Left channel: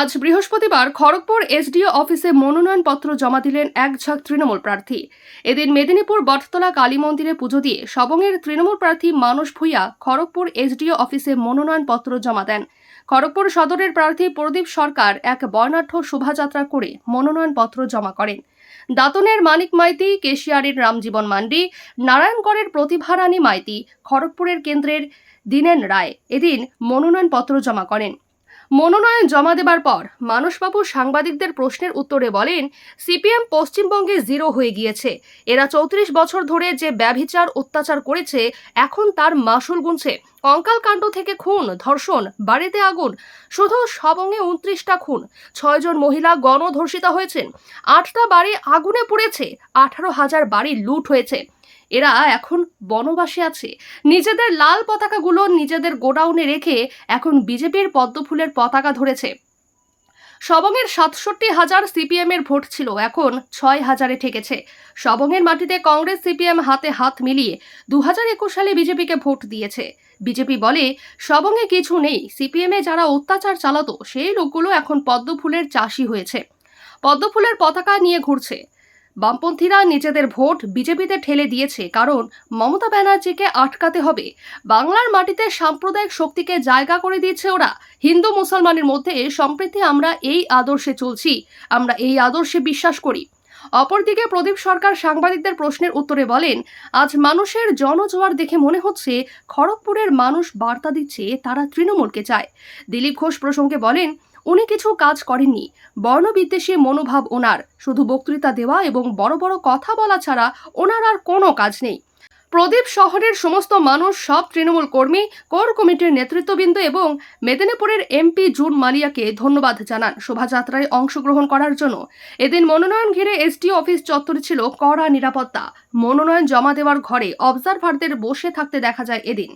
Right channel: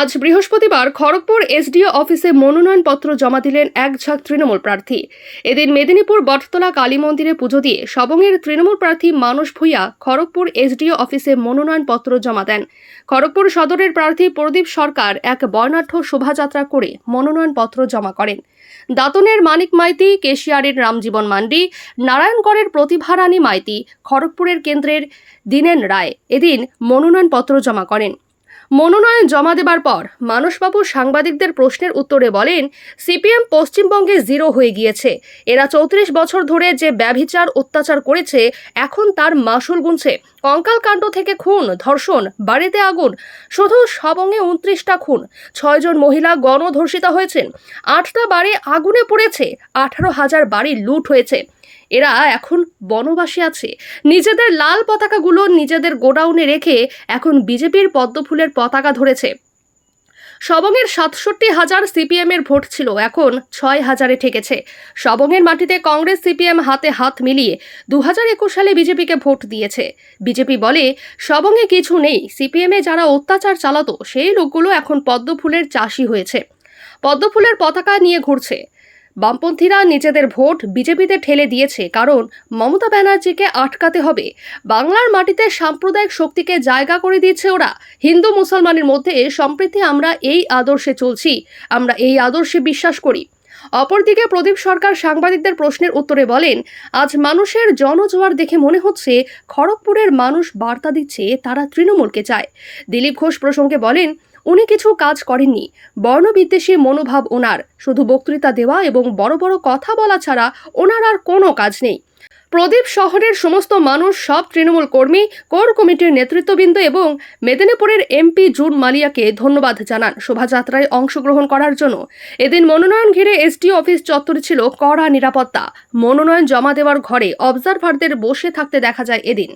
আজ বৃহস্পতিবার খড়গপুর এসডিও অফিসে মনোনয়নপত্র জমা দিলেন এক ঝাঁক তৃণমূল প্রার্থী। এদিন মেদিনীপুর বটতলা কালী মন্দিরে পুজো দিয়ে সবংয়ের তৃণমূল প্রার্থী মানস ভূঁইয়া খড়গপুর এসডিও অফিসে মনোনয়নপত্র জমা দেন। খড়গপুর সদরের প্রার্থী প্রদীপ সরকার এক বর্ণাঢ্য শোভাযাত্রা করে মনোনয়নপত্র জমা করেন। দাঁতনের মানিক মাইতি, কেশিয়ারের রামজীবন মান্ডি, নারায়ণগড়ের প্রতিভা রানী মাইতি, খড়গপুরের কেন্দ্রের দীনেন রায় এদিন মনোনয়নপত্র জমা করেন। মনোনয়ন জমা দেবার পর মানসবাবু সাংবাদিকদের প্রশ্নের উত্তরে বলেন, সিপিএম পশ্চিমবঙ্গে জিরো হয়ে গিয়েছে। এরা 34 বছর ধরে যে ব্যভিচার অত্যাচার করেছে এখন তার মাসুল গুনছে। কঙ্কাল কাণ্ড থেকে খুন, ধর্ষণ, বাড়িতে আগুন, শুধু সবংয়ে 29টা খুন, 6 জন মহিলা গণধর্ষিতা হয়েছেন, 8টা বাড়ি আগুনে পুড়েছে, 18,000 বাড়ি লুট হয়েছে। এরা এখন বনবাসে আছে। নিজেদের লাল পতাকাগুলো নিজেদের গোডাউনে রেখে এখন বিজেপির পদ্মফুলের পতাকা ধরেছে। সবংয়ের 67,000 সিপিএম এর ভোট ছিল, এখন 6,000-এ ঠেকেছে। সবংয়ের মাটিতে কংগ্রেস সিপিএম হাতে হাত মিলিয়ে 2021 সালে বিজেপিকে ভোট দিয়েছে। বিজেপি বলে সবংয়ে কিছু নেই, সিপিএমে যারা অত্যাচার চালাতো সেই লোকগুলো এখন পদ্মফুলের চাষি হয়েছে, পদ্মফুলের পতাকা নিয়ে ঘুরছে। বামপন্থীরা নিজেদের ভোট বিজেপিতে ঠেলে দিয়েছে, কারণ মমতা ব্যানার্জিকে আটকাতে হবে। বাংলার মাটিতে সাম্প্রদায়িক শক্তিকে জায়গা করে দিয়েছে ওরা। হিন্দু মুসলমানের মধ্যে সম্প্রীতি, আমরা এই আদর্শে চলছি, আমরা এই আদর্শে বিশ্বাস করি। অপরদিকে প্রদীপ সরকার সাংবাদিকদের প্রশ্নের উত্তরে বলেন, আজ মানুষের জনজোয়ার দেখে মনে হচ্ছে খড়গপুরের মানুষ বার্তা দিচ্ছে তারা তৃণমূলকে চায়। দিলীপ ঘোষ প্রসঙ্গে বলেন, উনি কিছু কাজ করেননি, বর্ণবিদ্বেষী মনোভাব ওনার, শুধু বক্তৃতা দেওয়া এবং বড় বড় কথা বলা ছাড়া ওনার আর কোনো কাজ নেই। প্রদীপ শহরের সমস্ত মানুষ, সব তৃণমূল কর্মী, কোর কমিটির নেতৃত্ববৃন্দ এবং মেদিনীপুরের এমপি জুন মালিয়াকে ধন্যবাদ জানান শোভাযাত্রায় অংশগ্রহণ করার জন্য। এদিন মনোনয়ন ঘিরে এসডিও অফিস চত্বরে ছিল কড়া নিরাপত্তা। মনোনয়ন জমা দেওয়ার ঘরে অবজারভারদের বসে থাকতে দেখা যায় এদিন।